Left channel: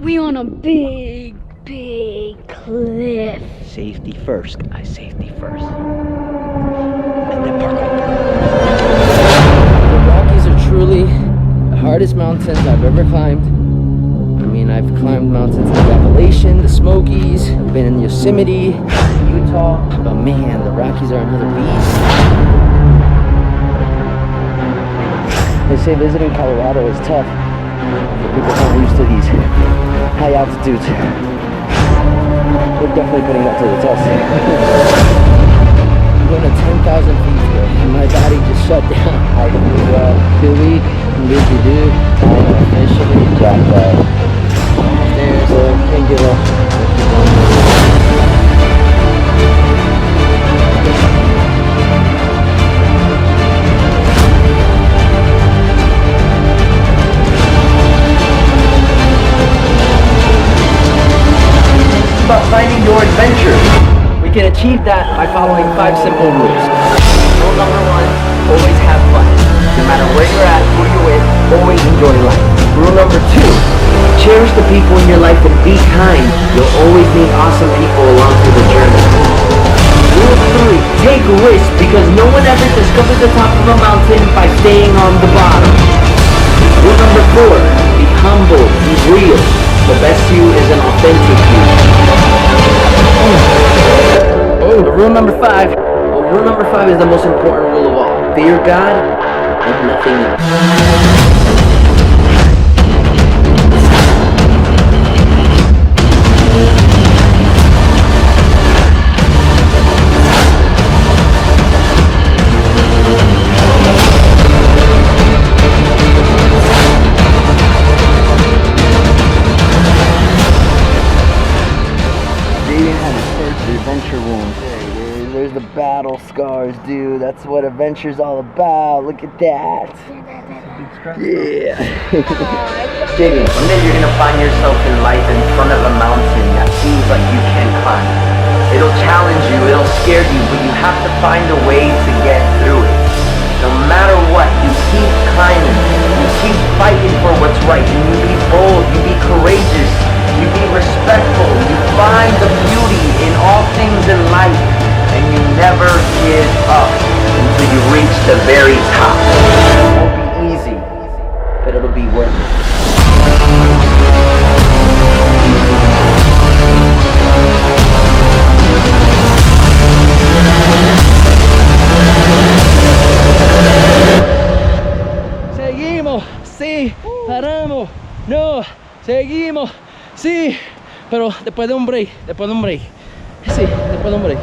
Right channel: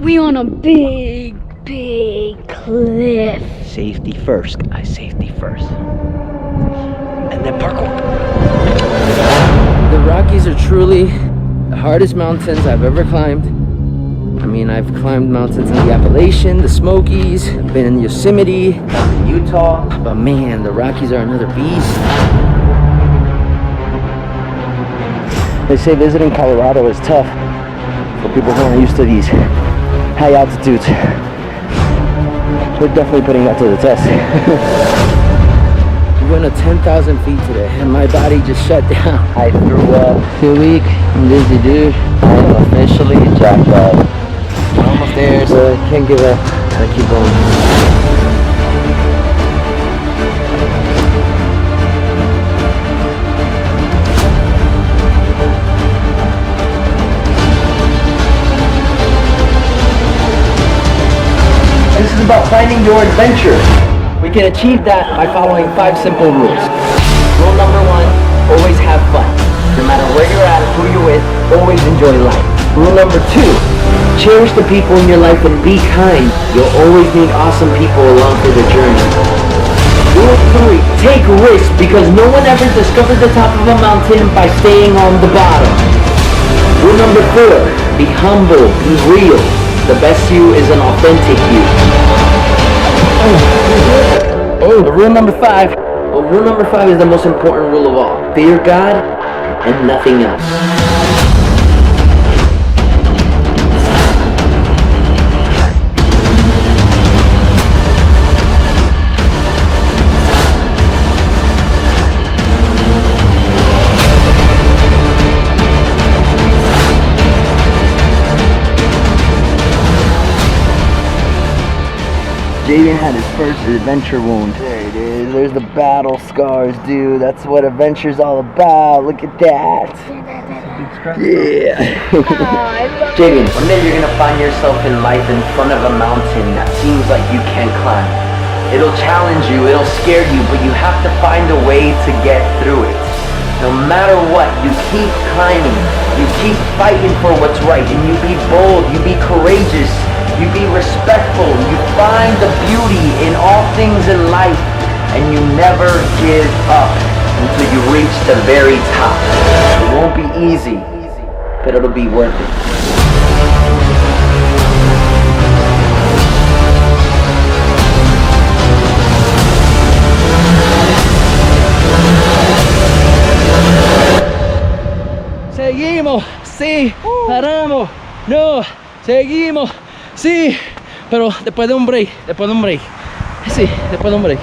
We on a big cliff. Safety first, guys, safety first. And then parkour. The Rockies are truly the hardest mountains I've ever climbed. I mean, I've climbed mountains in the Appalachian, the Smokies, I've been in Yosemite, in Utah, but man, the Rockies are another beast. They say visiting Colorado is tough for people who aren't used to these high altitudes. We're definitely putting that to the test. I'm going to 10,000 feet today, and my body just shut down. I threw up. 2 week. I'm busy, dude. I am officially jacked up. I'm almost there, so I can't give up. I keep going. This is about finding your adventure. We can achieve that by following 5 simple rules. Rule number 1, always have fun. No matter where you're at, who you're with, always enjoy life. Rule number 2, cherish the people in your life and be kind. You'll always meet awesome people along through the journey. Rule 3, take risks because no one ever discovered the top of a mountain by staying on the bottom. Rule number 4, be humble, be real. The best you is an authentic you. Rule number 5. Well, rule number 5 is the most important rule of all. Fear God and nothing else. Jaden had his first adventure wound. There it is. There's the battle scars, dude. That's what adventure's all about. Look at that. Yeah. Jaden, one day you're gonna find yourself in life in front of a mountain that seems like you can't climb. It'll challenge you, it'll scare you, but you have to find a way to get through it. No matter what, you keep climbing. You keep fighting for what's right, and you be bold, you be courageous. You be respectful, you find the beauty in all things in life, and you never give up until you reach the very top. It won't be easy, but it'll be worth it. Seguimos, sí, paramos, no, seguimos. Sí, pero después de un break, Sí, después de un break.